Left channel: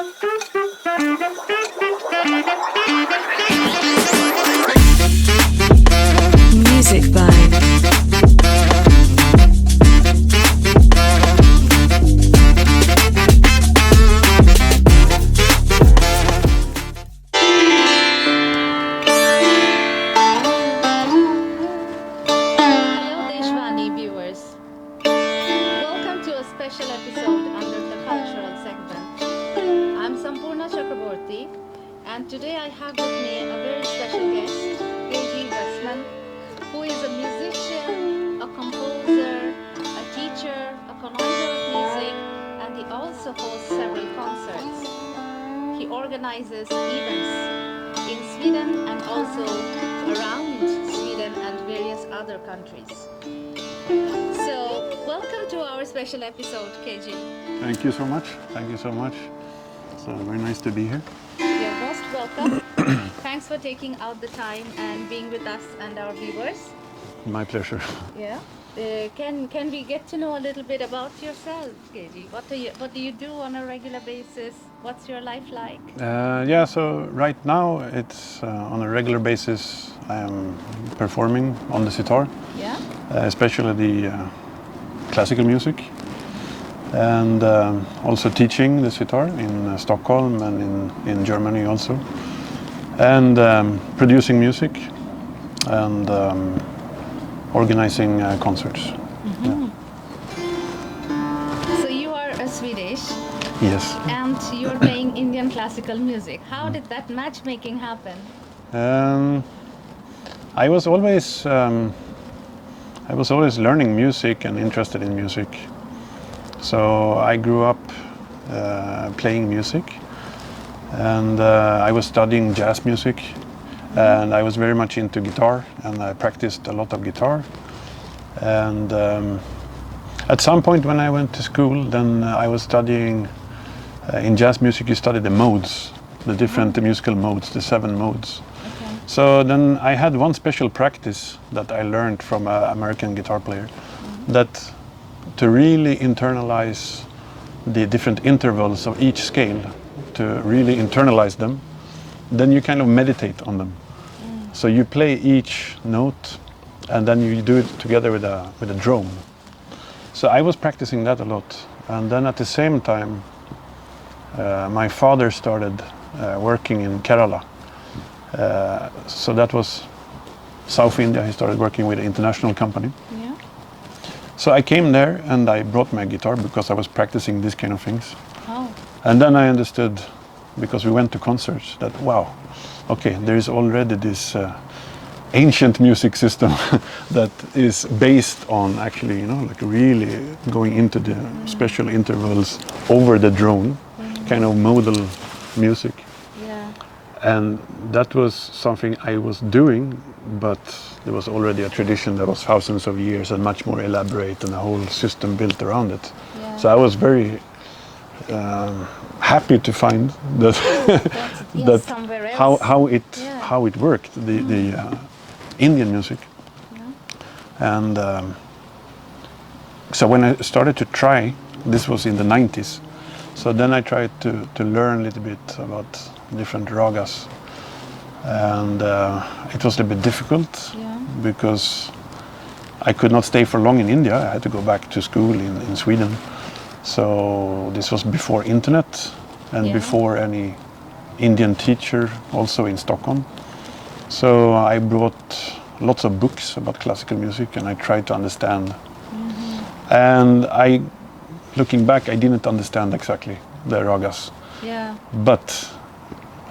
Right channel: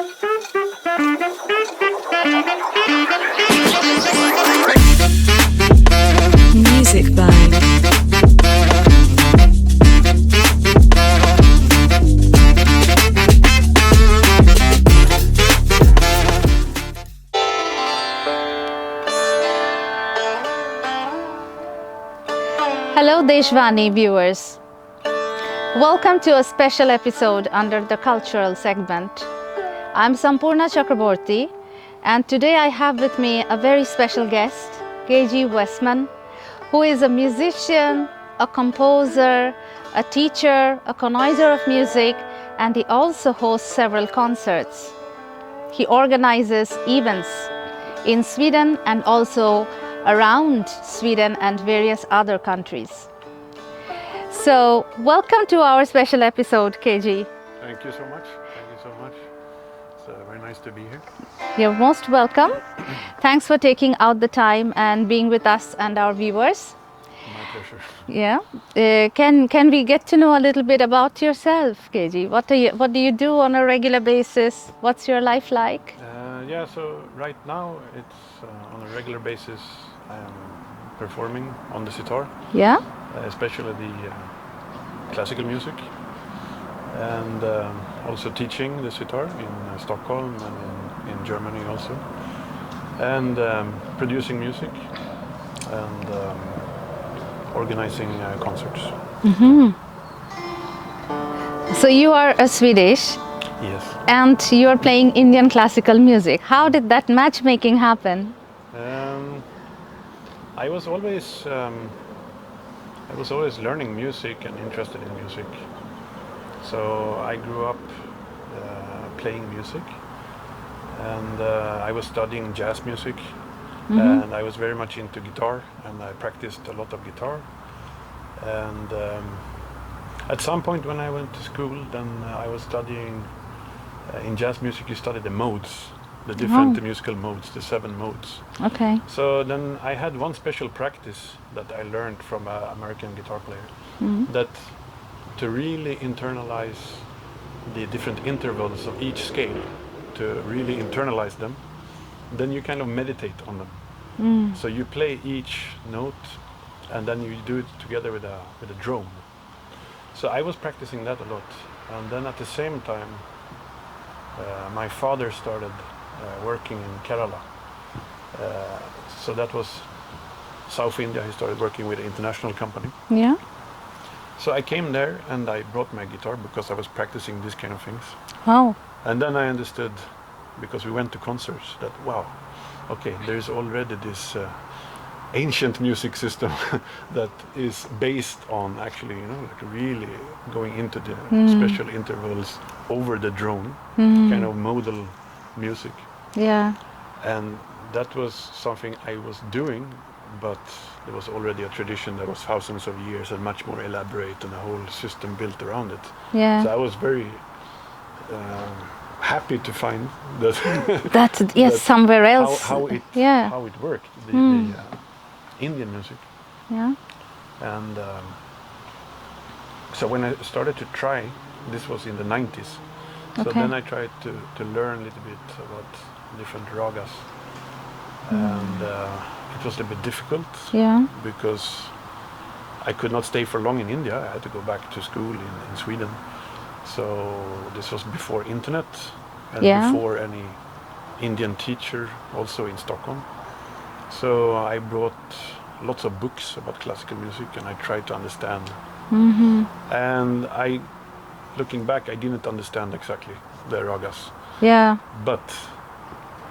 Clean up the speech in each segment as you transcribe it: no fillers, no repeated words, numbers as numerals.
Music Vibe. Hello Deshvani viewers. Welcome to a special episode under the cultural segment. I'm Sampurna Chakraborty, and today I have with me a very special guest, KG Westman, who is a musician, a composer, a teacher, a connoisseur of music, and he also hosts several concerts. He organizes events in Sweden and also around Sweden and various other countries. So, welcome to our special episode, KG. Thank you so much. Thank you so much. It's very nice to be here. You're most welcome. Thanks for taking out the time and being with us and our viewers. My pleasure. Yeah. Can we get to know a little bit about yourself, KG? What do you do on a regular basis? What's your life like? Yeah, so right now it's on a regular basis I'm performing on the sitar. Yeah. Especially the classical music. And also teaching the sitar in Stockholm and in Germany also. And producing music and organizing concerts. Mm-hmm. So you are a Swedish. Yes. And you are playing Indian classical music. How did that matchmaking happen? I was always learning music and interested in music. So I grew up playing music, and I was studying jazz music. Mm-hmm. And I was very much into guitar, and I practiced a lot of guitar. And at some point when I went to school, then I was studying in jazz music. You study the modes, the different musical modes, the 7 modes. Okay. So then I had one special practice that I learned from an American guitar player, that to really internalize the different intervals of each scale, to really internalize them, then you kind of meditate on them. So you play each note and then you do it together with a drone. So I was practicing that a lot. And then at the same time, my father started working in Kerala. So that was South India. He started working with an international company. Yeah. So I came there and I brought my guitar because I was practicing these kind of things. Oh. And then I understood, because we went to concerts, that wow, okay, there is already this ancient music system that is based on actually, like really going into the special intervals over the drone, kind of modal music. Yeah. And that was something I was doing, but there was already a tradition that was thousands of years and much more elaborate and a whole system built around it. Yeah. So I was very happy to find that that somewhere else how it worked, the Indian music. Yeah. And so when I started to try, this was in the 90s. So then I tried to learn a little bit about different ragas, and it was a bit difficult because I could not stay for long in India. I had to go back to school in Sweden. So this was before internet and before any Indian teacher also in Stockholm. So I brought lots of books about classical music and I tried to understand. And looking back, I didn't understand exactly the ragas. Yeah. But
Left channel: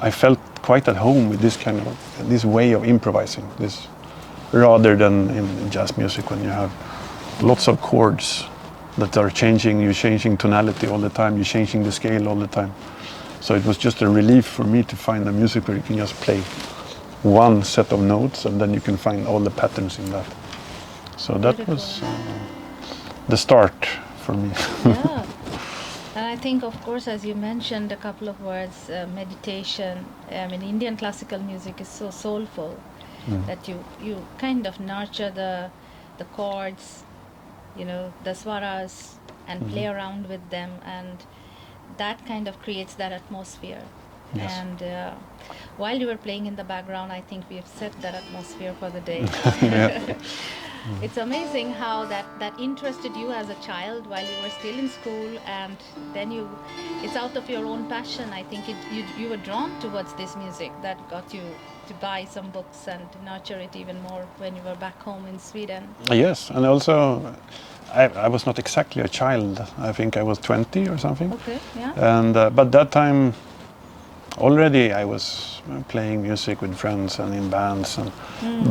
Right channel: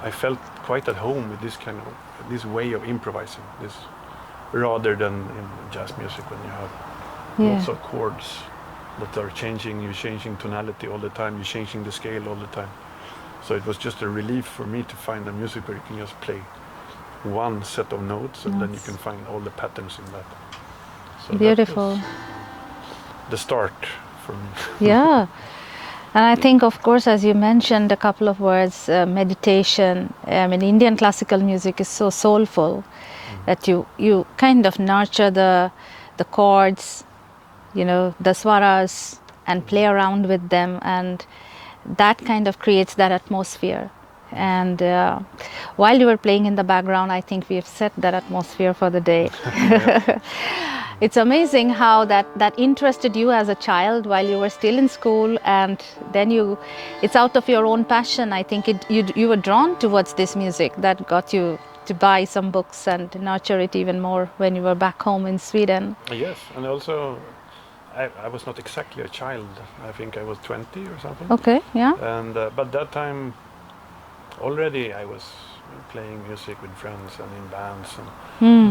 I felt quite at home with this way of improvising, this rather than in jazz music when you have lots of chords that are changing, you're changing tonality all the time, you're changing the scale all the time. So it was just a relief for me to find a music where you can just play one set of notes and then you can find all the patterns in that. So beautiful. That was the start for me. Yeah. And I think, of course, as you mentioned a couple of words, meditation. I mean, Indian classical music is so soulful that you kind of nurture the chords, the swaras, and play around with them. And that kind of creates that atmosphere. Yes. And while you were playing in the background, I think we have set that atmosphere for the day. It's amazing how that interested you as a child while you were still in school, and then it's out of your own passion. I think you were drawn towards this music that got you to buy some books and nurture it even more when you were back home in Sweden. Yes, and also I was not exactly a child. I think I was 20 or something. Okay, yeah. And but that time already I was playing music with friends and in bands, and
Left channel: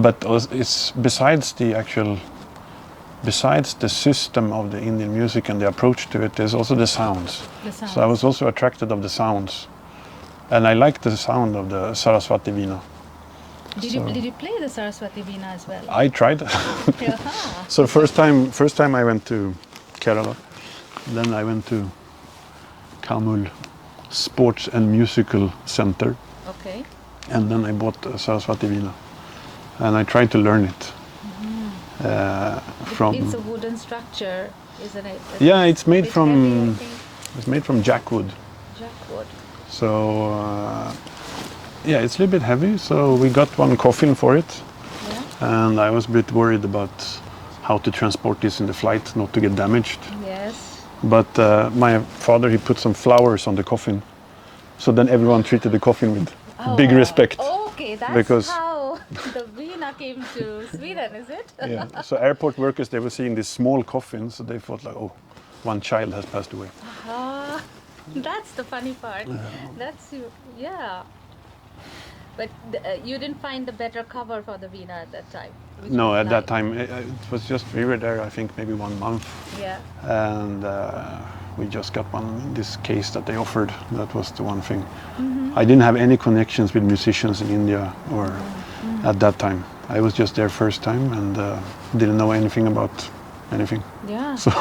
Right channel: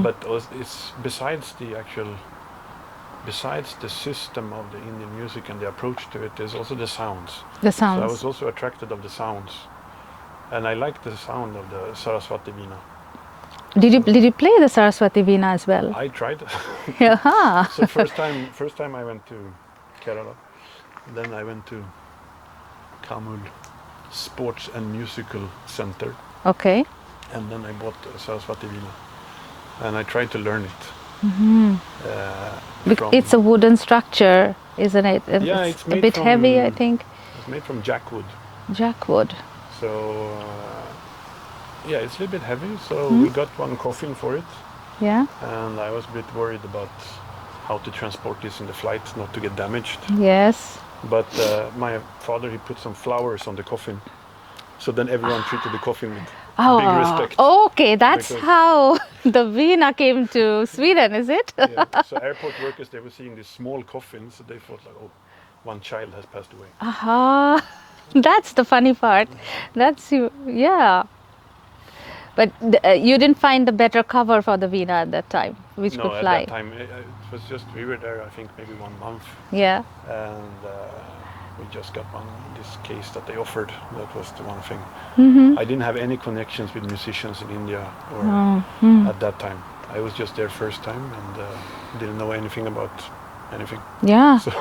but it's besides the system of the Indian music and the approach to it, there's also the sounds. The sounds. So I was also attracted of the sounds, and I liked the sound of the Saraswati Veena. Did you play the Saraswati Veena as well? I tried. So first time I went to Kerala, then I went to Kamul Sports and Musical Center. Okay. And then I bought a Saraswati Veena, and I tried to learn it. It's a wooden structure, isn't it? Yeah, it's made a bit from heavy, I think. It's made from jackwood. Jackwood. So yeah, it's a little bit heavy. So we got one coffin for it. Yeah. And I was a bit worried about how to transport this in the flight, not to get damaged. Yes. But my father, he put some flowers on the coffin, so then everyone treated the coffin with big respect. Okay, that's how the Veena came to Sweden, is it? Yeah. So airport workers, they were seeing this small coffin, so they thought like, oh, one child has passed away. Aha, that's the funny part. That's yeah. But you didn't find a better cover for the Veena at that time, which no, could at fly. that time it was just, we were there, I think maybe 1 month. Yeah. And we just got one in this case that they offered. That was the one thing. I didn't have any connections with musicians in India or at that time. I was just there first time and didn't know anything about anything. Yeah. So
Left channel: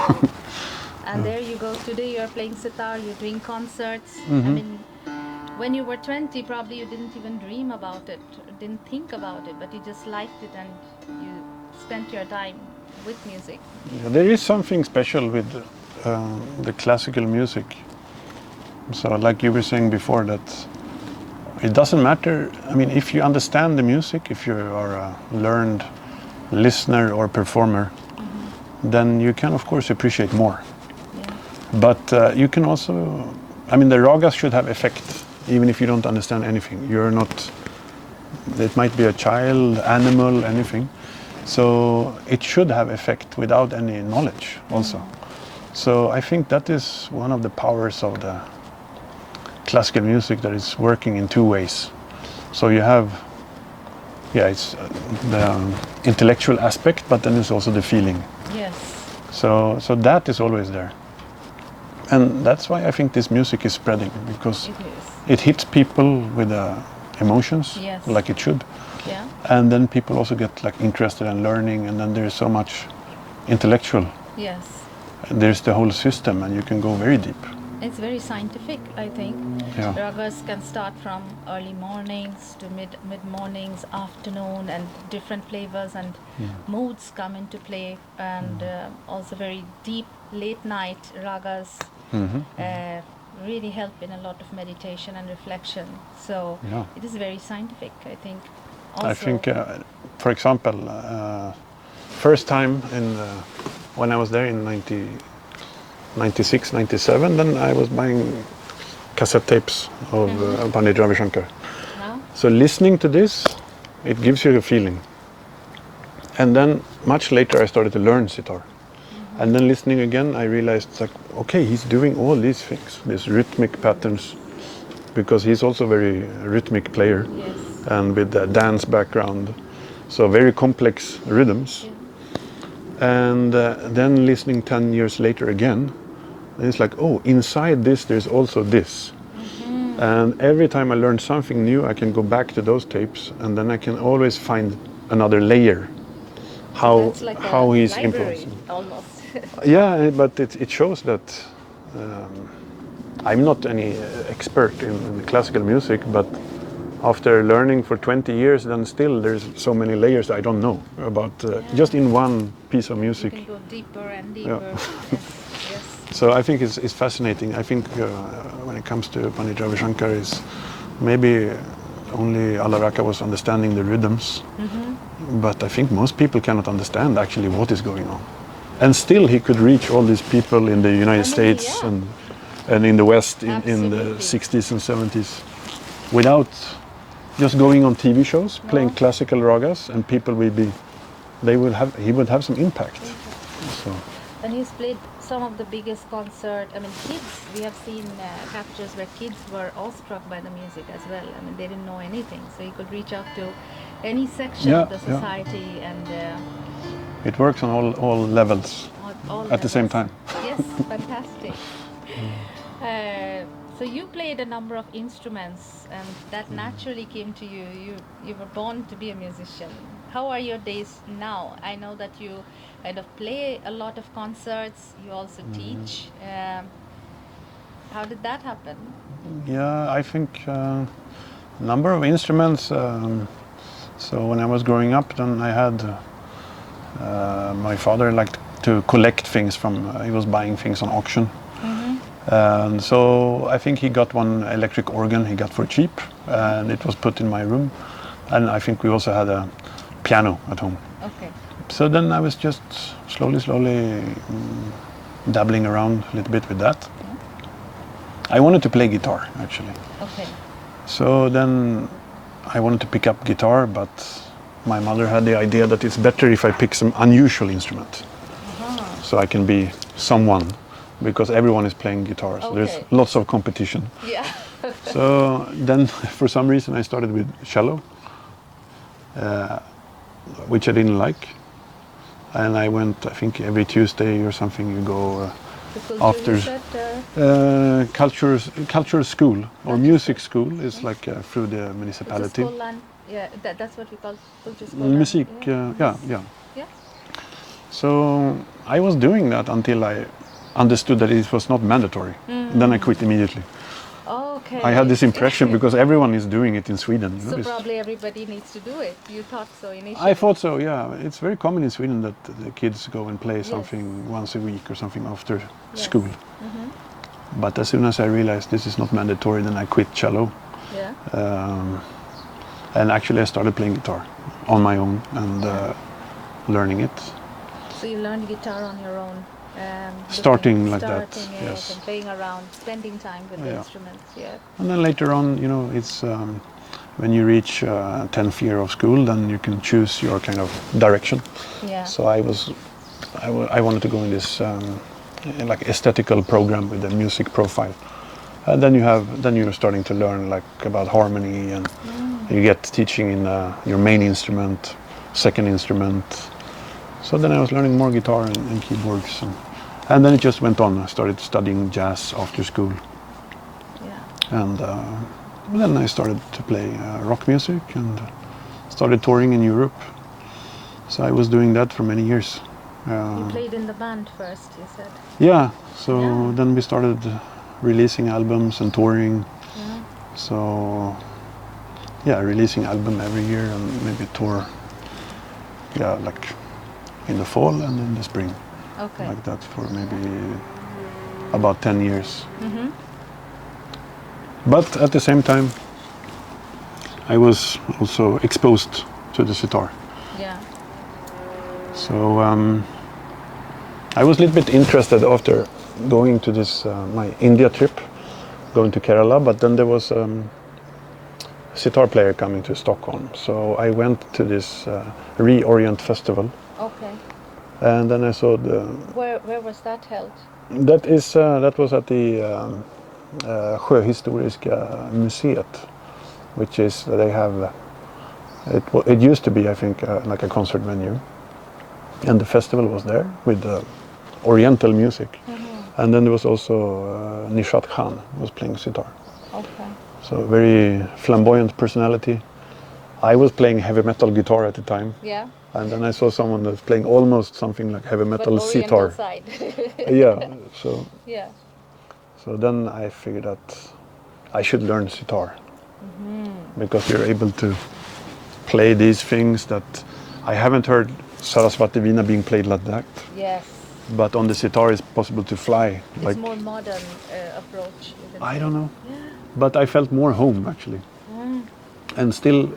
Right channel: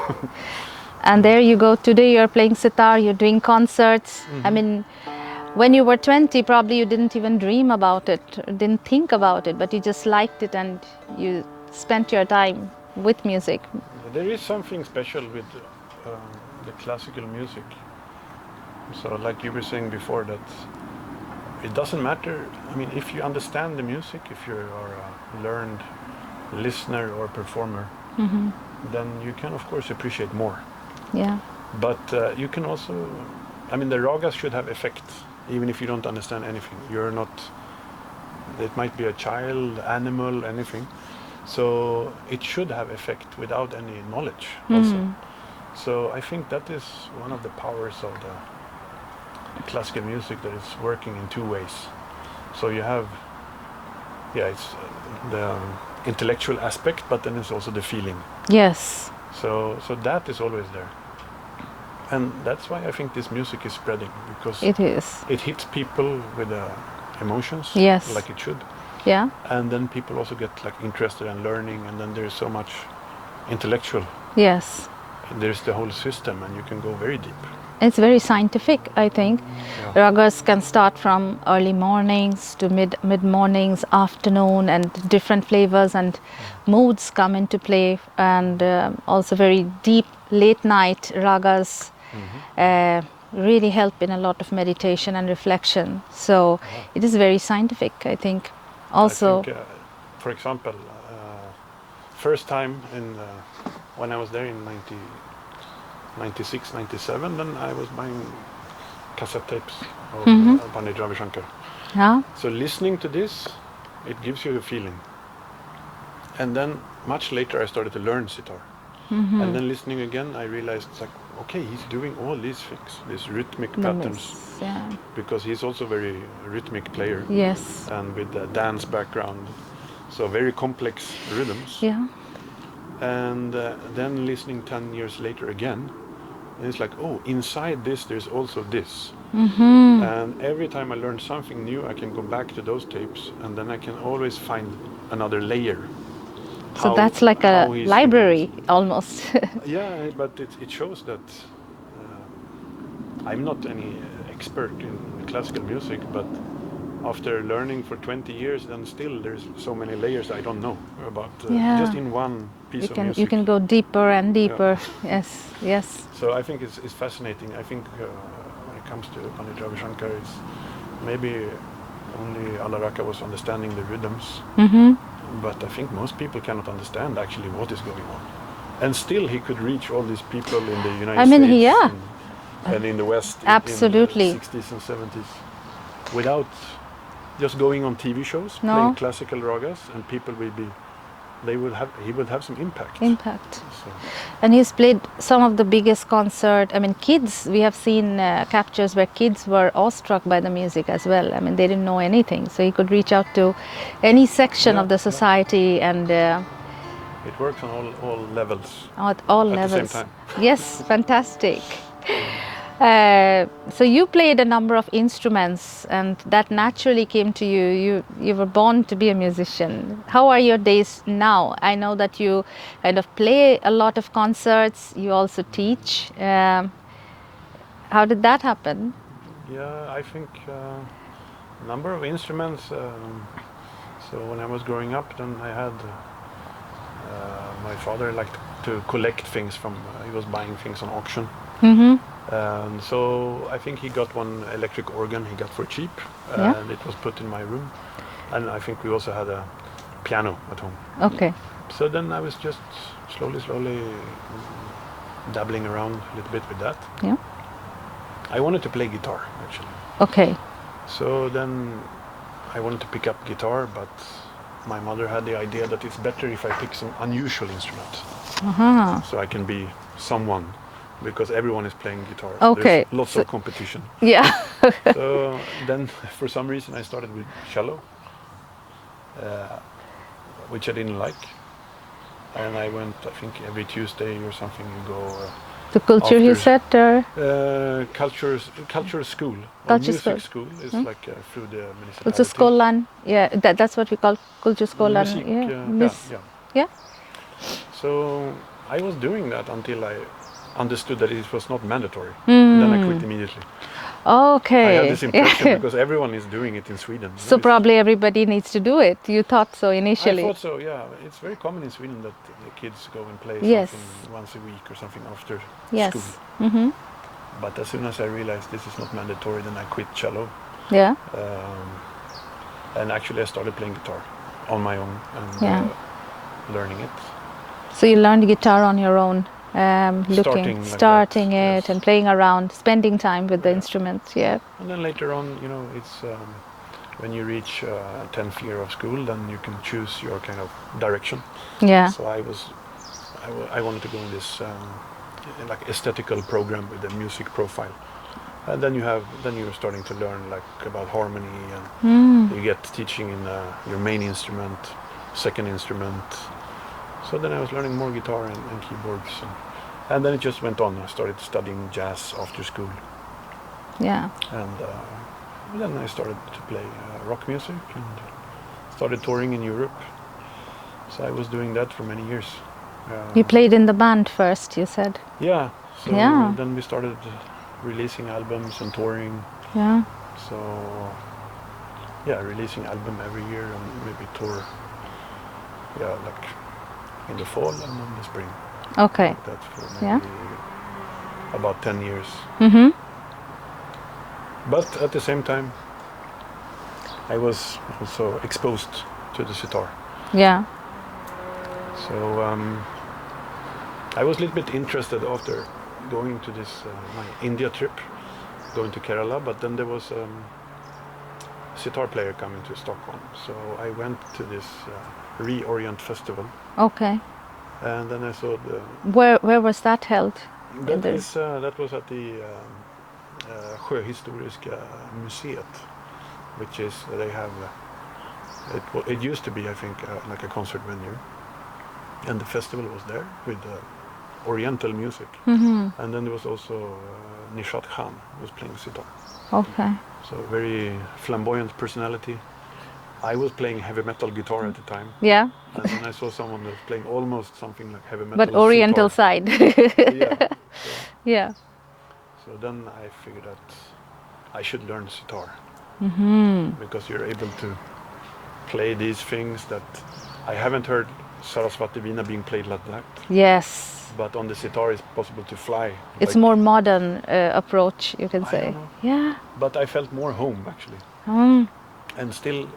and there you go. Today you're playing sitar. You're doing concerts. I mean, when you were 20, probably you didn't even dream about it, didn't think about it, but you just liked it and you spent your time with music. yeah, there is something special with the classical music. So like you were saying before, that it doesn't matter. I mean, if you understand the music, if you are a learned listener or performer, then you can of course appreciate more. Yeah. But you can also, I mean, the ragas should have effect, even if you don't understand anything. You're not, it might be a child, animal, anything. So it should have effect without any knowledge also. So I think that is one of the powers of the classical music, that is working in two ways. So you have, yeah, it's the intellectual aspect, but then there's also the feeling. Yes. So that is always there. And that's why I think this music is spreading, because It is. it hits people with emotions, Yes. like it should. Yeah. And then people also get like interested in learning, and then there's so much intellectual. Yes. There's the whole system, and you can go very deep. It's very scientific, I think. Yeah. Ragas can start from early mornings to mid mornings, afternoon, and different flavors and moods come into play, and also very deep late night ragas really help in a lot of meditation and reflection. So it is very scientific, I think. Also, I think, for example, first time when I was there in 96, 97, then I was buying cassette tapes of Pandit Ravi Shankar. yeah. So listening to this, it gives you a feeling. And then much later I started to learn sitar. And then listening again, I realized, like, okay, he's doing all these things, these rhythmic patterns, Yeah. because he's also a very rhythmic player. Yes. And with a dance background, so very complex rhythms. Yeah. And then listening 10 years later again, it's like, oh, inside this there's also this. And every time I learn something new, I can go back to those tapes, and then I can always find another layer. So that's like a he's library influencing. almost. Yeah, but it shows that I'm not any expert in classical music, but after learning for 20 years, then still there's so many layers I don't know about just in one piece of music. You can go deeper and deeper. Yes. Yes. So I think it's fascinating. I think when it comes to Pandit Ravi Shankar, is maybe only Alaraka was understanding the rhythms, but I think most people cannot understand actually what is going on. And still he could reach all these people in the United States and in the West in the 60s and 70s without just going on TV shows, playing classical ragas, and people will be, he would have some impact. So. And he's played some of the biggest concert. I mean, kids, we have seen captures where kids were awestruck by the music as well. I mean, they didn't know anything. So he could reach out to any section of the society and... it works on all levels. At all levels. At the same time. Yes, fantastic. So you played a number of instruments, and that naturally came to you. You were born to be a musician. How are your days now? I know that you kind of play a lot of concerts. You also teach. How did that happen? Yeah, I think number of instruments. So when I was growing up, then I had my father liked to collect things from. He was buying things on auction. And so I think he got one electric organ he got for cheap, and it was put in my room. And I think we also had a piano at home. Okay. So then I was just slowly dabbling around a little bit with that. Yeah. I wanted to play guitar, actually. Okay. So then I wanted to pick up guitar, but my mother had the idea that it's better if I pick some unusual instrument. So I can be someone. Because everyone is playing guitar. So there's lots of competition. Yeah. So then, for some reason, I started with cello, which I didn't like. And I went, I think, every Tuesday or something, you go... the Kulturhuset? Culture school, or music school, is like through the municipality. Kulturskolan, yeah, that's what we call Kulturskolan. Music, yeah. So I was doing that until I understood that it was not mandatory. Then I quit immediately. Okay. I had this impression because everyone is doing it in Sweden. So probably everybody needs to do it. You thought so initially? I thought so, yeah. It's very common in Sweden that the kids go and play something once a week or something after school. But as soon as I realized this is not mandatory, then I quit cello. Yeah. And actually I started playing guitar on my own and learning it. So you learned guitar on your own? Starting it and playing around, spending time with the instruments, And then later on, you know, it's when you reach 10th year of school, then you can choose your kind of direction. Yeah. So I wanted to go in this like aesthetical program with a music profile. And then you're starting to learn like about harmony, and you get teaching in your main instrument, second instrument. So then I was learning more guitar and keyboards, and then it just went on. I started studying jazz after school. Yeah. And then I started to play rock music and started touring in Europe. So I was doing that for many years. You played in the band first, you said? Yeah. So then we started releasing albums and touring. Yeah. So releasing album every year and maybe tour. Yeah, like in the fall and in the spring. Okay. Like that for maybe about 10 years. But at the same time, I was also exposed to the sitar. Yeah. So I was a little bit interested after going to this my India trip, going to Kerala, but then there was sitar player coming to Stockholm. So I went to this Reorient festival. Okay. And then I saw the... Where was that held? That was at the Sjöhistoriska museet, which is, they have... It used to be, I think, like a concert venue. And the festival was there with Oriental music. And then there was also Nishat Khan was playing sitar. Okay. So very flamboyant personality. I was playing heavy metal guitar at the time. Yeah. And then I saw someone that was playing almost something like heavy metal but Oriental sitar. side. So then I figured that I should learn sitar. Because you're able to play these things that I haven't heard Sarasvati Veena being played like that. Yes. But on the sitar, it's possible to fly. It's more modern approach, you can say. I don't know. Yeah. But I felt more home, actually. And still,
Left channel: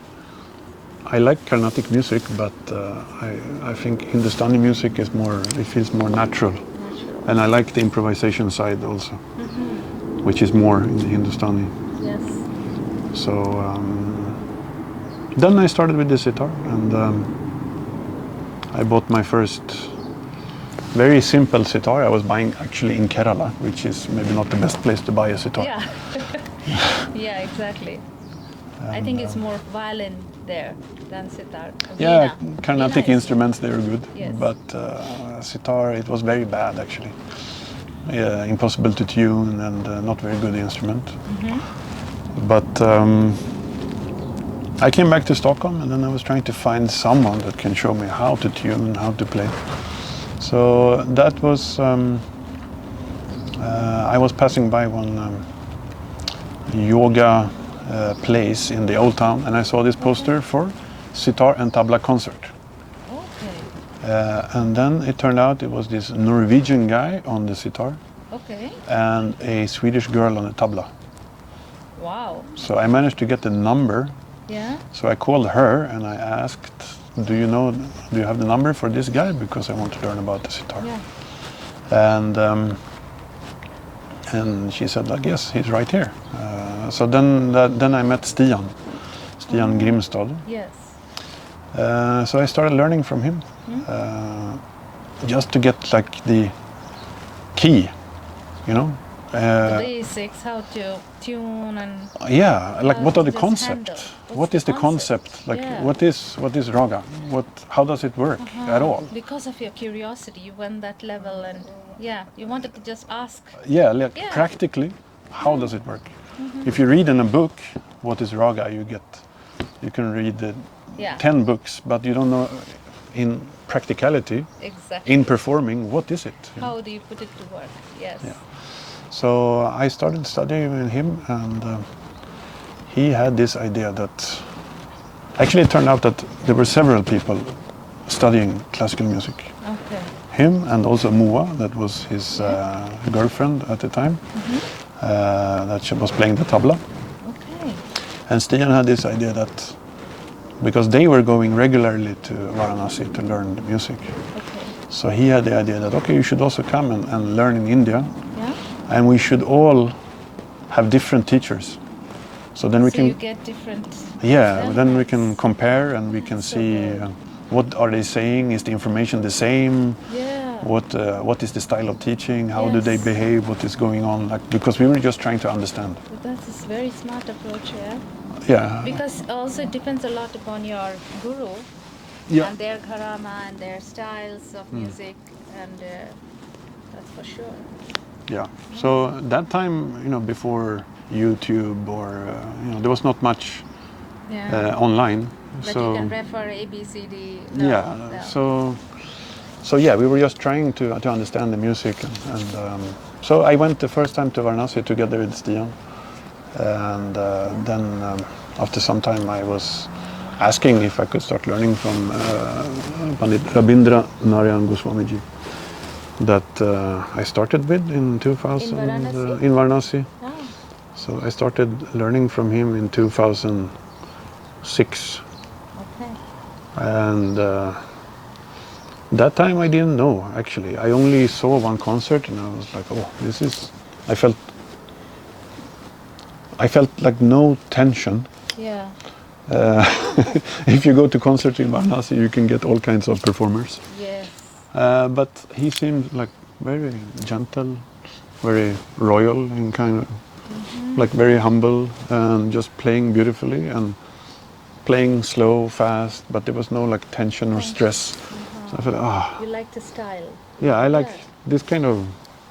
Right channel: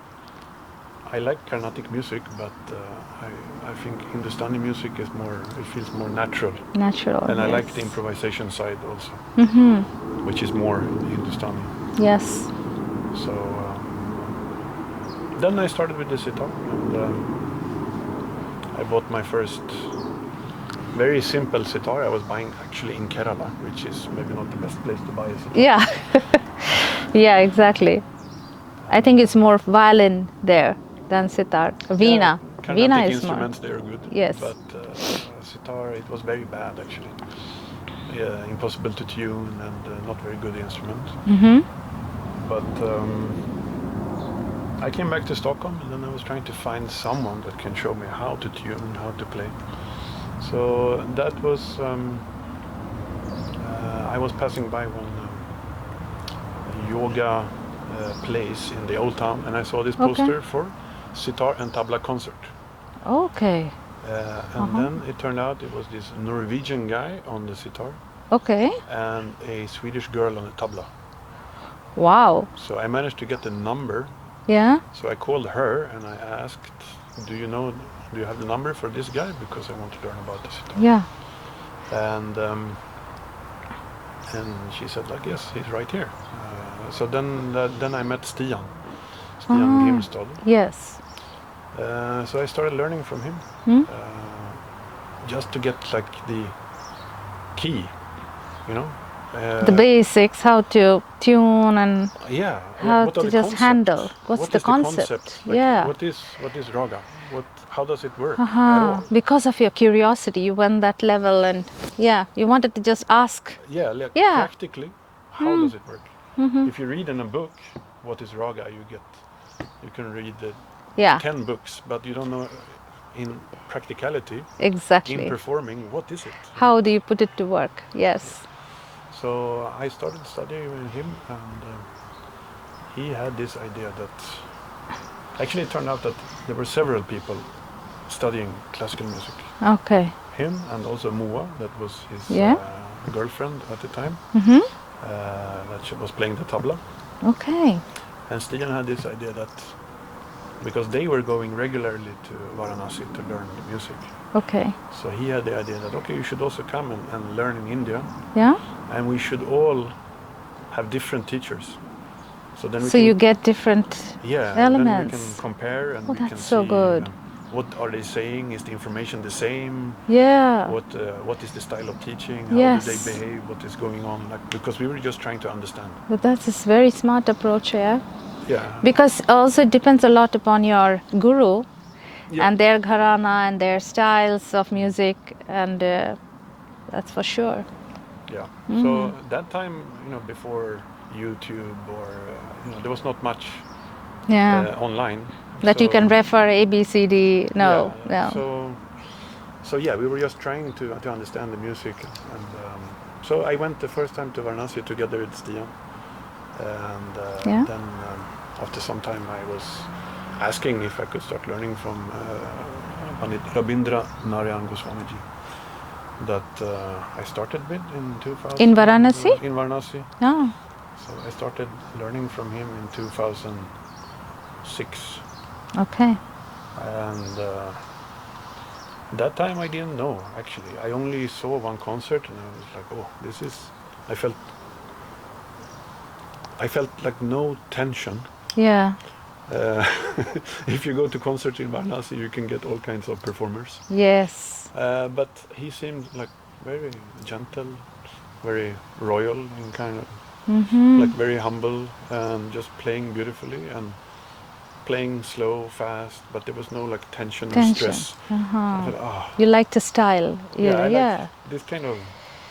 I like Carnatic music, but I think Hindustani music is more, it feels more natural. Natural. And I like the improvisation side also, which is more in the Hindustani. Yes. So then I started with the sitar, and I bought my first very simple sitar. I was buying actually in Kerala, which is maybe not the best place to buy a sitar. Yeah. Yeah, exactly. I think it's more violin there than sitar. Veena. Yeah, Carnatic Veena is instruments, they are good. Yes. But sitar, it was very bad actually. Yeah, impossible to tune and not very good instrument. But I came back to Stockholm, and then I was trying to find someone that can show me how to tune and how to play. So that was, I was passing by one yoga place in the old town, and I saw this poster for sitar and tabla concert. Okay. And then it turned out it was this Norwegian guy on the sitar Okay. and a Swedish girl on the tabla. Wow. So I managed to get the number. Yeah. So I called her and I asked, do you have the number for this guy? Because I want to learn about the sitar. Yeah. And she said, like, yes, he's right here. So then I met Stian Grimstad. Yes. So I started learning from him, just to get like the key, you know. The basics, how to tune and yeah, like how what are to the just concepts? handle. What is the concept? Like Yeah. what is raga? How does it work at all? Because of your curiosity, you went that level, and yeah, you wanted to just ask. Yeah, like Yeah. practically, how does it work? If you read in a book what is raga, you can read the Yeah. 10 books, but you don't know in practicality, Exactly. in performing, what is it? How do you put it to work? Yes. Yeah. So I started studying with him, and he had this idea that actually it turned out that there were several people studying classical music. Okay. Him and also Moa, that was his girlfriend at the time, that she was playing the tabla. Okay. And Stian had this idea that because they were going regularly to Varanasi to learn the music. Okay. So he had the idea that, okay, you should also come and learn in India. Yeah. And we should all have different teachers. So then we So can... you get different then we elements. can compare and we that's can so see good. what are they saying, is the information the same? Yeah. What is the style of teaching? How do they Yes. behave? What is going on? Like, because we were just trying to understand. But that's a very smart approach, yeah. Yeah. Because also it depends a lot upon your guru Yeah. and their gharana and their styles of music, and that's for sure. Yeah. So that time, before YouTube or there was not much online That you can refer A, B, C, D. No. Yeah. So yeah, we were just trying to understand the music, and so I went the first time to Varanasi together with Stian, and then after some time I was asking if I could start learning from Pandit Rabindra Narayan Goswamiji, that I started with in 2000. In Varanasi? In Varanasi. Oh. So I started learning from him in 2006. Okay. And that time I didn't know, actually. I only saw one concert and I was like, oh, I felt like no tension. Yeah. If you go to concerts in Varanasi, you can get all kinds of performers. Yes. But he seemed like very gentle, very royal and kind of like very humble, and just playing beautifully and playing slow, fast, but there was no like tension or stress. So I thought, You like the style. I like this kind of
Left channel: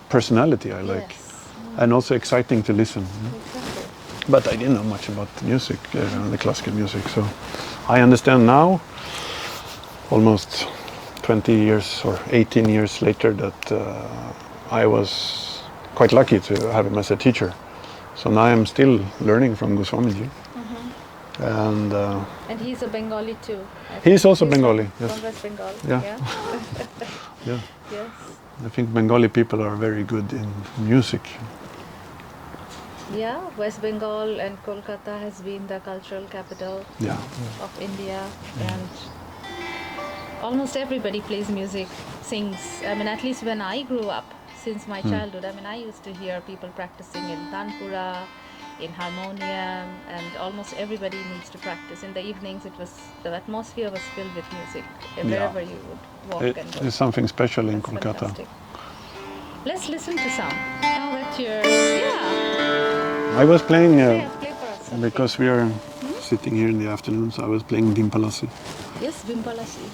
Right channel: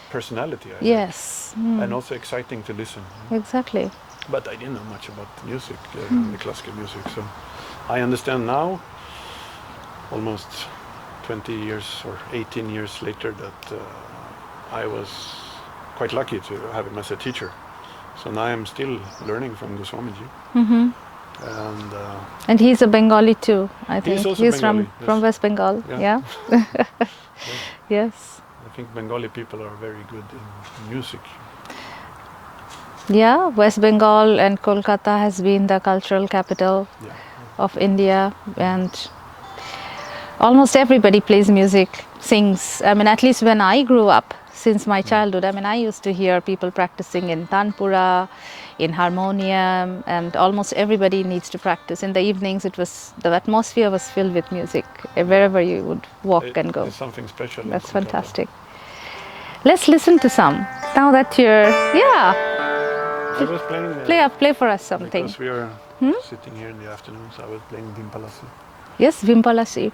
personality. I Yes. like, and also exciting to listen. Exactly. But I didn't know much about music, the classical music. So I understand now, almost 20 years or 18 years later, that I was quite lucky to have him as a teacher. So now I'm still learning from Goswamiji. And he's a Bengali too, I think. He's also Bengali, From West Bengal. Yeah. Yeah. Yeah. Yes. I think Bengali people are very good in music. Yeah, West Bengal and Kolkata has been the cultural capital of India, and almost everybody plays music, sings. I mean, at least when I grew up, since my childhood, I mean, I used to hear people practicing in tanpura, in harmonium, and almost everybody needs to practice. In the evenings, the atmosphere was filled with music wherever you would walk and go. It's something special in That's Kolkata. fantastic. Let's listen to some. Now that you're, I was playing. play for us something. Because we are sitting here in the afternoon, so I was playing Dimpalasi. Yes, Vimpalasi.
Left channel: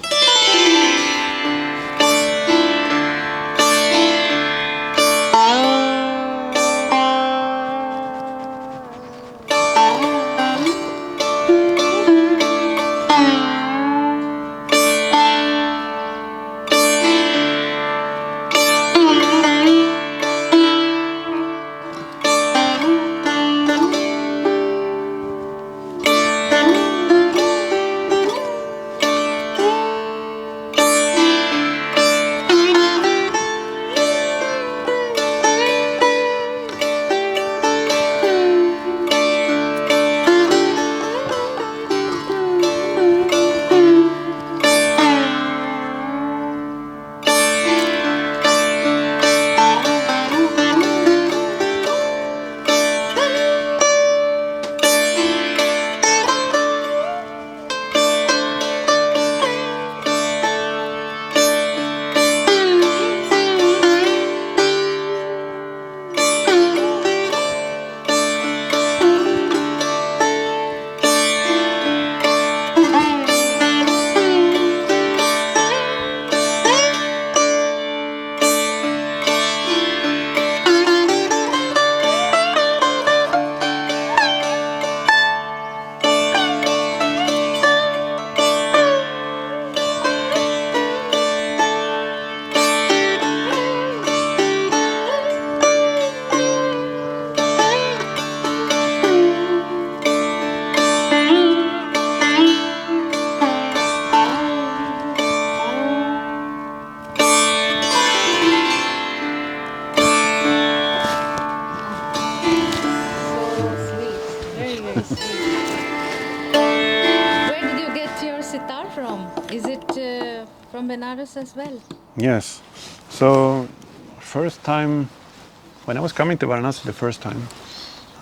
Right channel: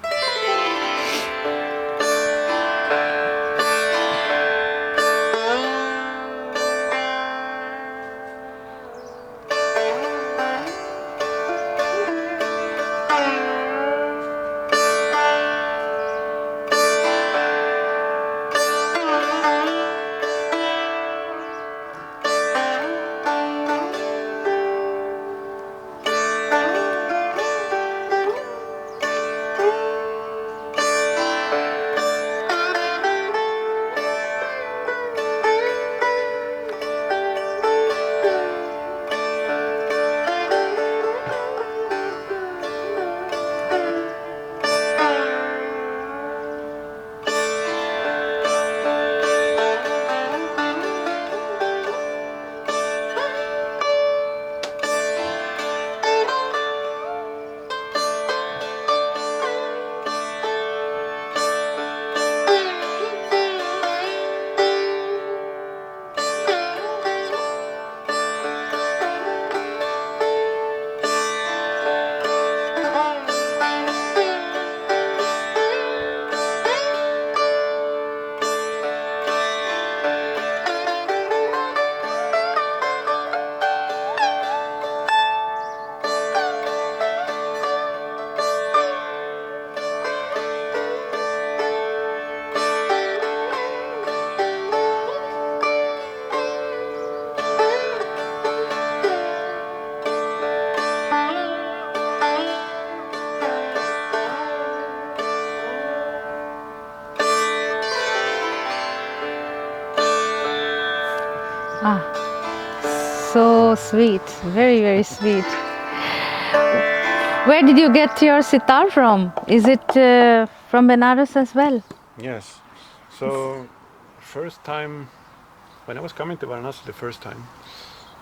So sweet, very, very sweet. Where did you get your sitar from? Is it from Benares as well? Yes. So, first time, when I was coming to Varanasi the first time,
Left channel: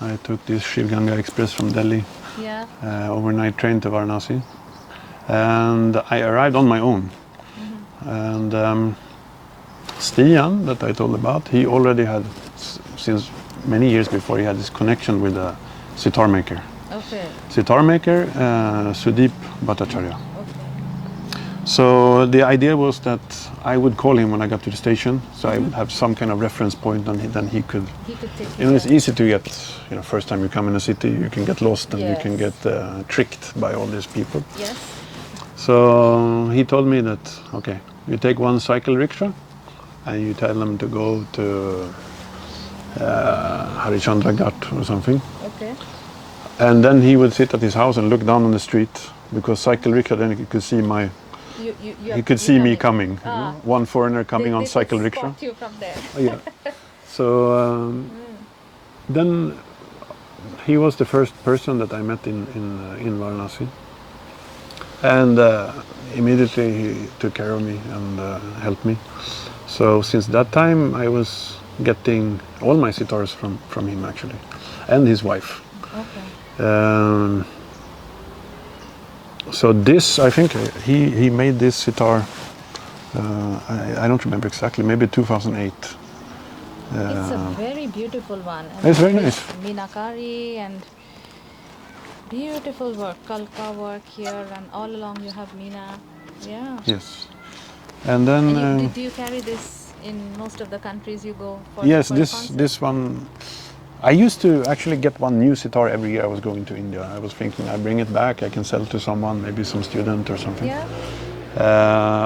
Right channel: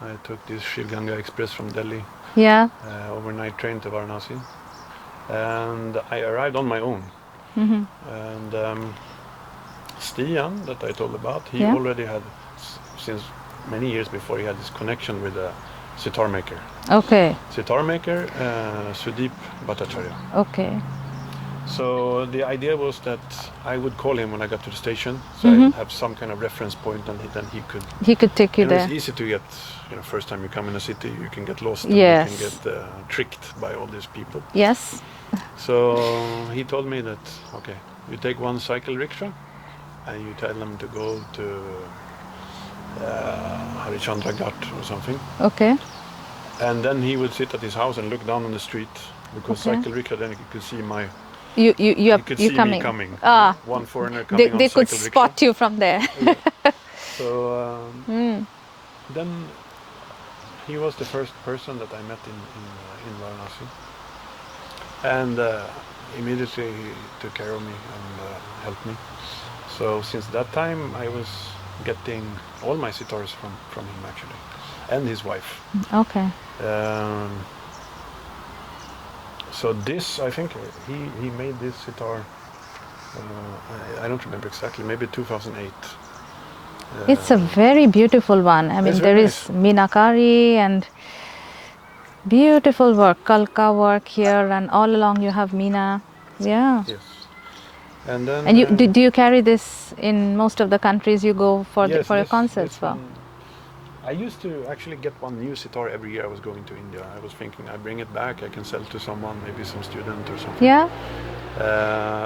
I took this Shiv Ganga Express from Delhi, overnight train to Varanasi, and I arrived on my own. And Stian, that I told about, he already had, since many years before, he had this connection with a sitar maker. Okay. Sitar maker, Sudeep Bhattacharya. Okay. So the idea was that I would call him when I got to the station, so I would have some kind of reference point, and then he could. He could take you there. It's easy to get, first time you come in a city, you can get lost and you can get tricked by all these people. Yes. So he told me that, okay, you take one cycle rickshaw and you tell them to go to Harichandra Ghat or something. Okay. And then he would sit at his house and look down on the street, because cycle rickshaw, then he could see my. You could see me coming. One foreigner coming on cycle rickshaw. They could spot you from there. So then he was the first person that I met in Varanasi, and immediately he took care of me and helped me. So since that time I was getting all my sitars from him actually, and his wife. Okay. So this, I think he made this sitar, I don't remember exactly, maybe 2008. It's a very beautiful one. I mean, there is Meenakari and beautiful work, Kalka work here, and all along you have Meena. Yeah. Yes. And then. And do you carry this in most of the countries you go for yes, a concert? Yes, this one. I used to actually get one new sitar every year I was going to India. I was thinking I bring it back, I can sell to someone, maybe some student or something. Yeah.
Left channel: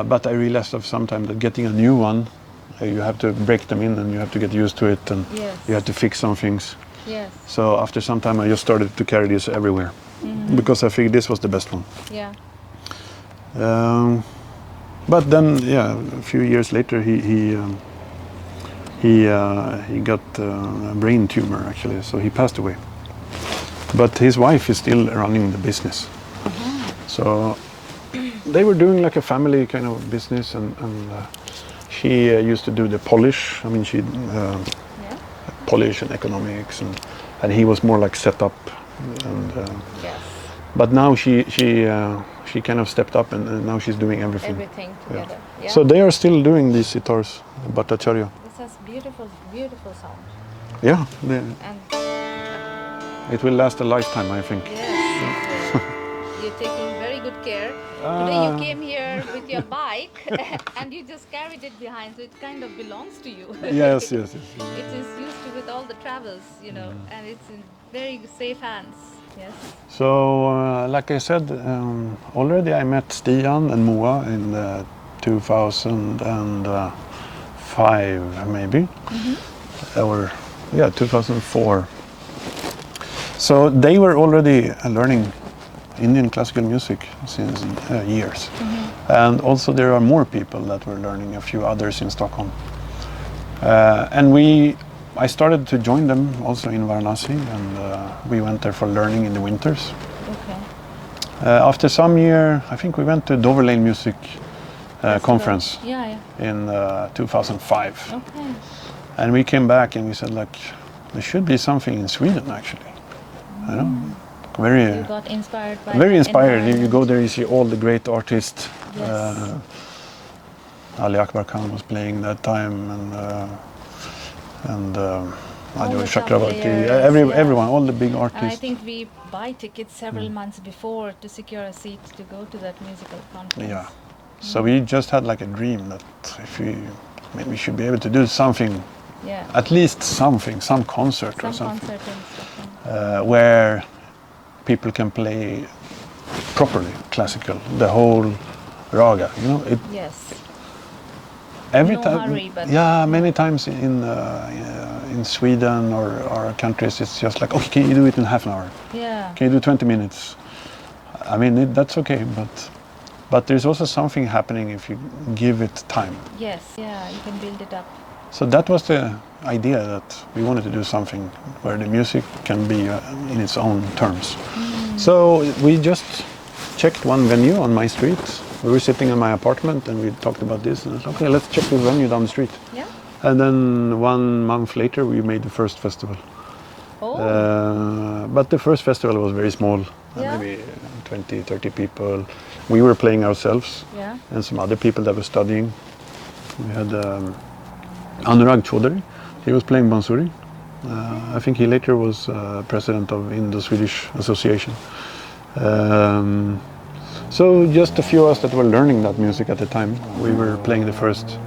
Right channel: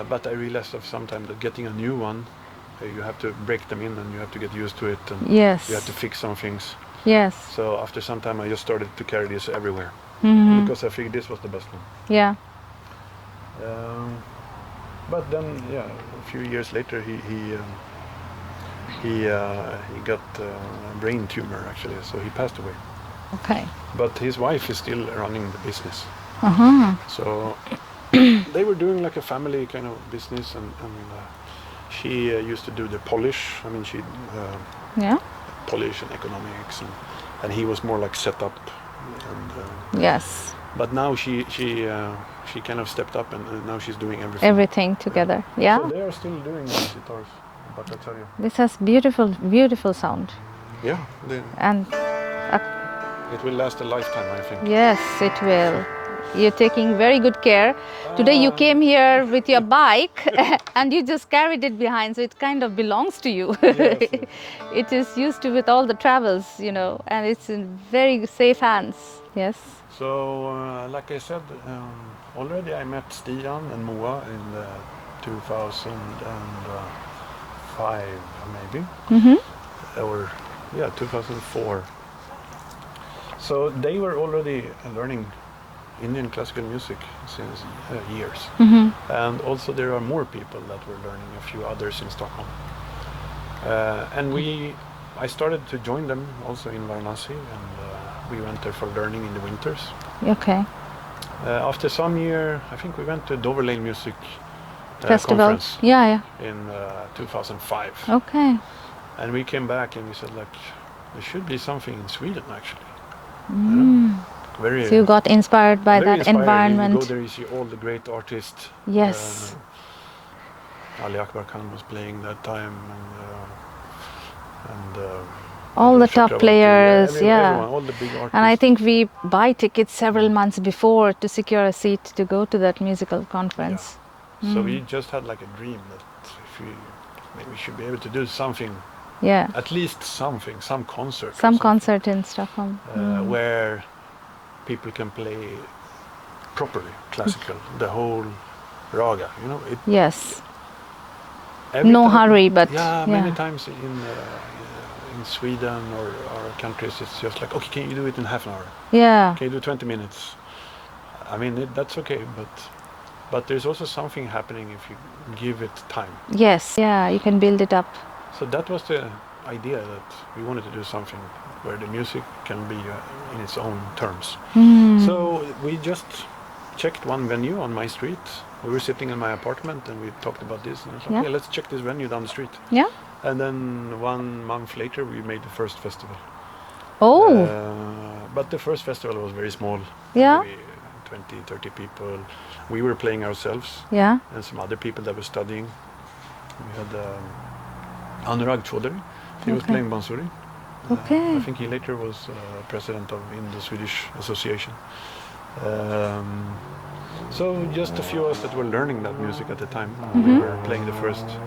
But I realized of sometimes that getting a new one, you have to break them in and you have to get used to it, and you have to fix some things. Yes. So after some time I just started to carry this everywhere, because I figured this was the best one. Yeah. But then, a few years later he he got a brain tumor actually, so he passed away. Okay. But his wife is still running the business. So they were doing like a family kind of business, and she used to do the polish. I mean, she polish and economics, and he was more like set up. And, yes. But now she kind of stepped up, and now she's doing everything. Everything together. Yeah. So they are still doing these sitars, Bhattacharya. This has beautiful, beautiful sound. Yeah. And it will last a lifetime, I think. yes, it will. You're taking very good care. Today you came here with your bike and you just carried it behind, so it kind of belongs to you. Yes, yes. It is used to with all the travels, you know, and it's in very safe hands. Yes. So, like I said, already I met Stian and Moa in 2005, maybe. Or 2004. So they were already learning Indian classical music since years. And also there are more people that were learning, a few others in Stockholm. And I started to join them also in Varanasi, and we went there for learning in the winters. Okay. After some year, I think we went to Dover Lane Music Conference in 2005. Okay. And we came back and we said, like, there should be something in Sweden actually. You know? Very, so you got inspired by very that inspired. environment. You go there, you see all the great artists. Yes. Ali Akbar Khan was playing that time, and all the top players, everyone, all the big artists. And I think we buy tickets several months before to secure a seat to go to that musical conference. Yeah. So we just had like a dream that if we should be able to do something. Yeah. At least something, some concert. Some concert in Stockholm. Where people can play properly classical, the whole raga, you know. Yes. No hurry, but many times in Sweden or countries, it's just like, okay, can you do it in half an hour? Yeah. Can you do 20 minutes? I mean, that's okay, but there's also something happening if you give it time. Yes. Yeah, you can build it up. So that was the idea, that we wanted to do something where the music can be in its own terms. So we just checked one venue on my street. We were sitting in my apartment and we talked about this, and I thought, okay, let's check this venue down the street. Yeah. And then 1 month later we made the first festival. Oh. But the first festival was very small. Yeah. 20, 30 people. We were playing ourselves. Yeah. And some other people that were studying. We had Anurag Chaudhary. He was playing Bansuri. I think he later was president of Indo-Swedish Association. So just a few of us that were learning that music at the time. We were playing the first.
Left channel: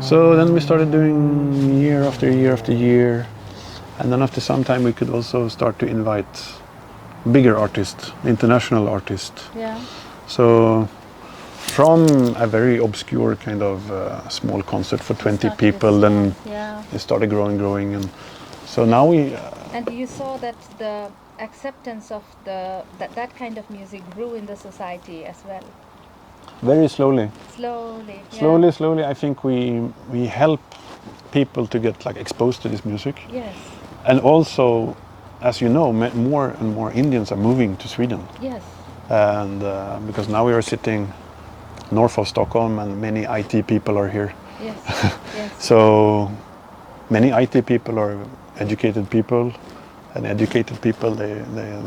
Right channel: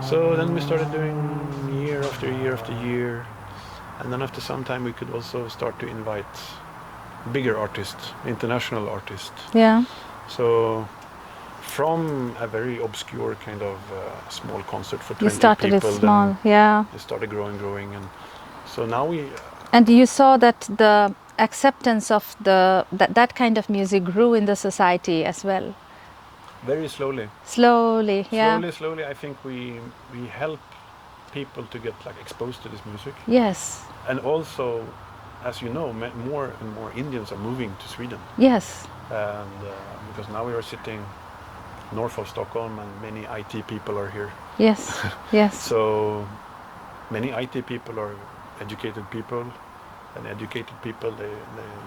So then we started doing year after year after year. And then after some time we could also start to invite bigger artists, international artists. Yeah. So from a very obscure kind of small concert for 20 people, then it started growing, and so now we. And you saw that the acceptance of that kind of music grew in the society as well. Very slowly. Slowly, yeah. Slowly. I think we help people to get like exposed to this music. Yes. And also, as you know, more and more Indians are moving to Sweden. Yes. And because now we are sitting north of Stockholm, and many IT people are here. Yes, yes. So many IT people are educated people, and educated people, they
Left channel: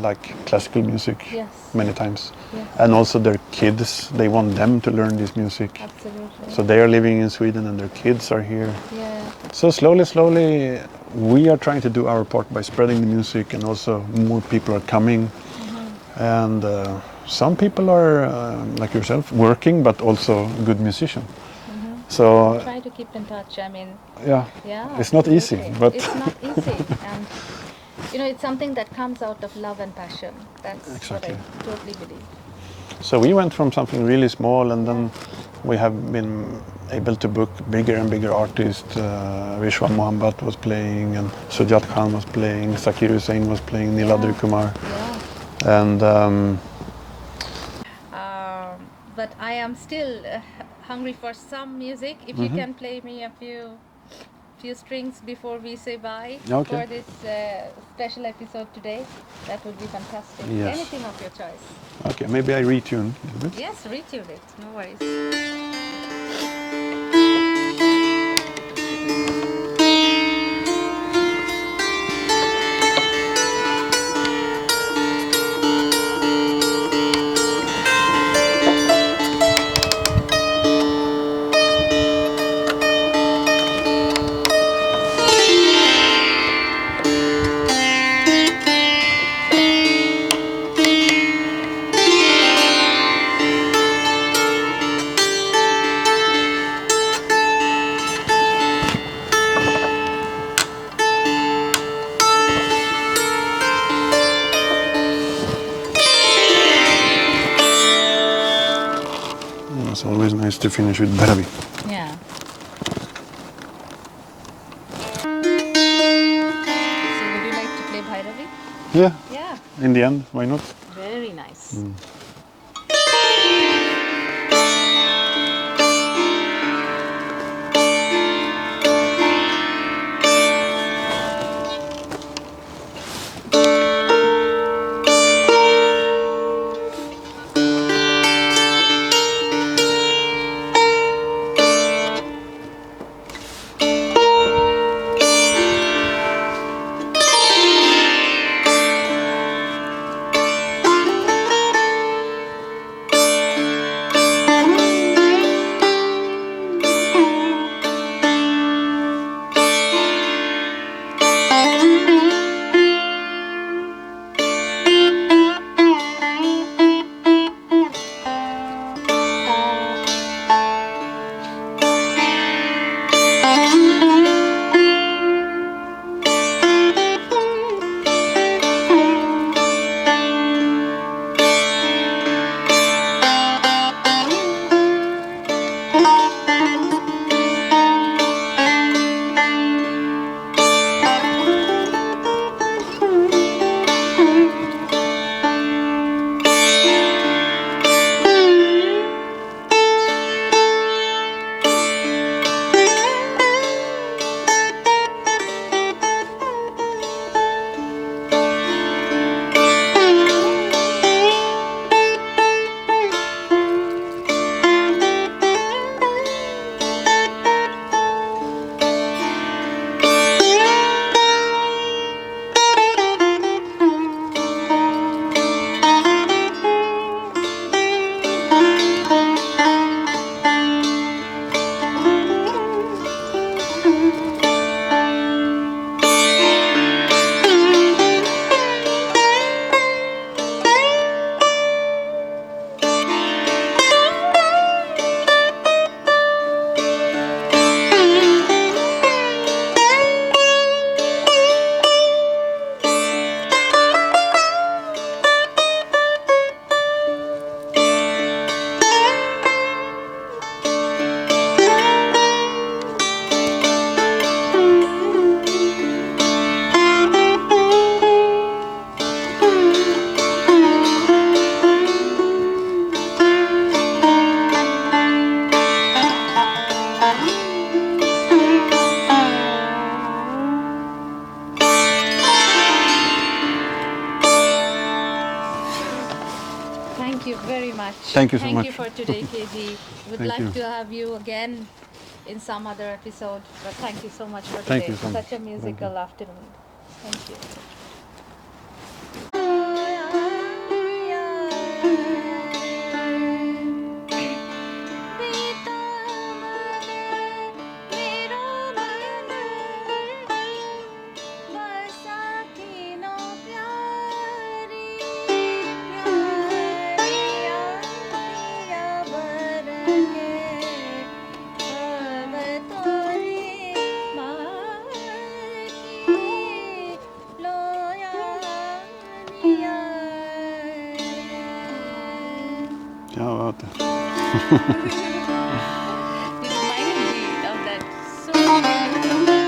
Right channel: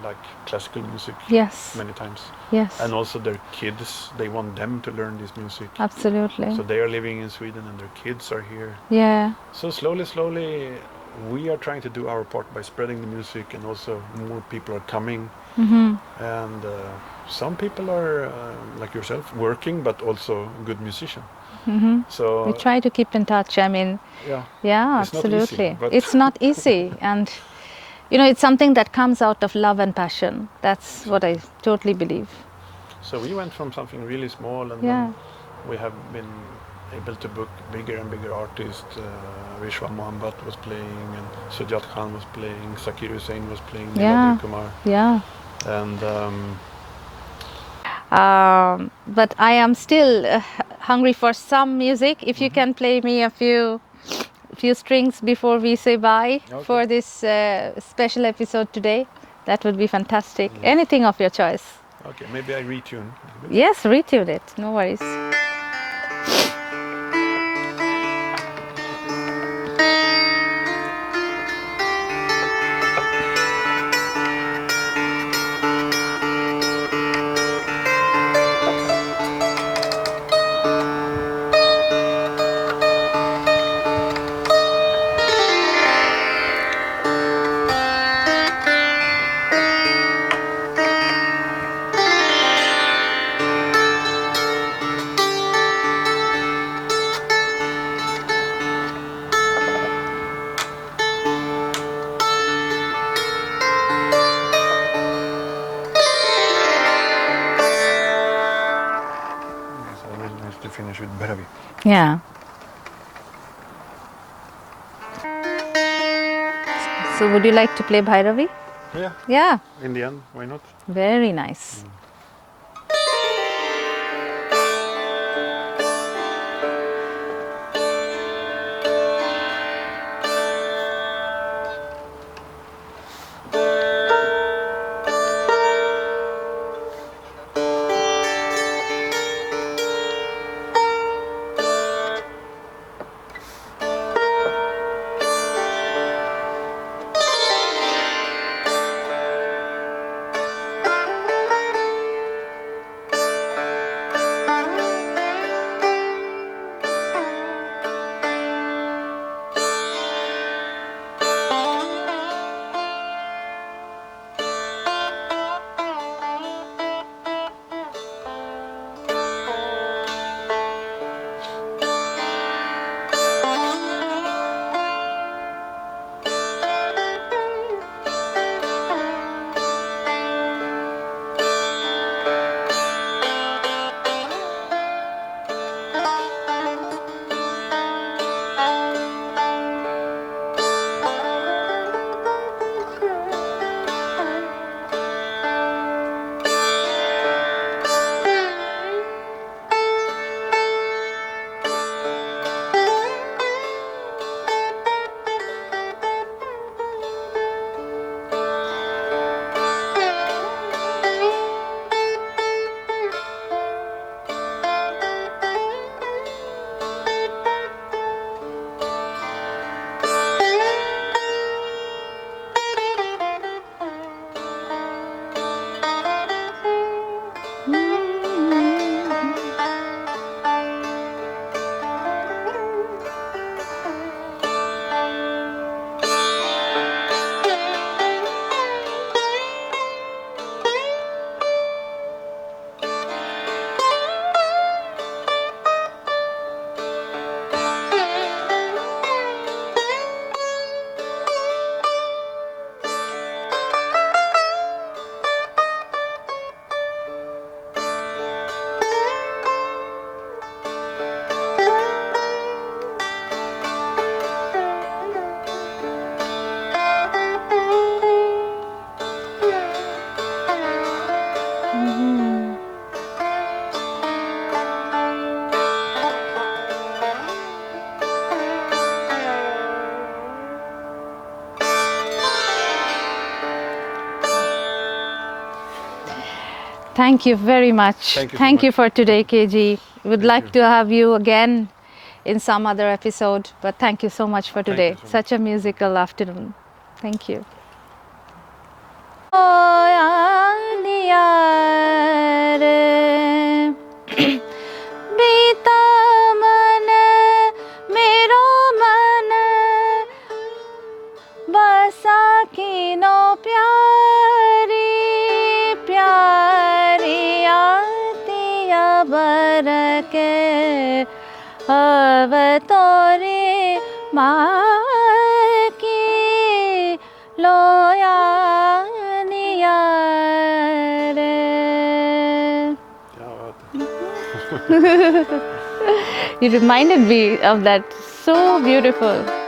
like classical music. Yes. Many times. Yes. And also their kids, they want them to learn this music. Absolutely. So they are living in Sweden and their kids are here. Yeah. So slowly, we are trying to do our part by spreading the music, and also more people are coming. And some people are, like yourself, working, but also good musician. So we try to keep in touch. I mean, yeah, it's absolutely. not easy. But it's not easy, and you know, it's something that comes out of love and passion. That's what I totally believe. So we went from something really small, and then we have been able to book bigger and bigger artists. Vishwan Mohammed was playing, and Sujat Khan was playing, Zakir Hussain was playing, Niladri Kumar. Yeah. And but I am still hungry for some music. If you can play me a few few strings before we say bye for this special episode today? That would be fantastic. Yes. Anything of your choice. Okay, maybe I retune a little bit. Yes, retune it. No worries. It's always nice to finish with Bhairavi. Yeah. So would you like to play Bhairavi? Yeah. Yeah. In the end, why not? Very nice. Thank you very much. Thank you for today, KG. Would Thank like you. to have you again in some other episode, but thank you so much for today. you so Such a musical afternoon. Thank you. You reminded me of that. So beautiful.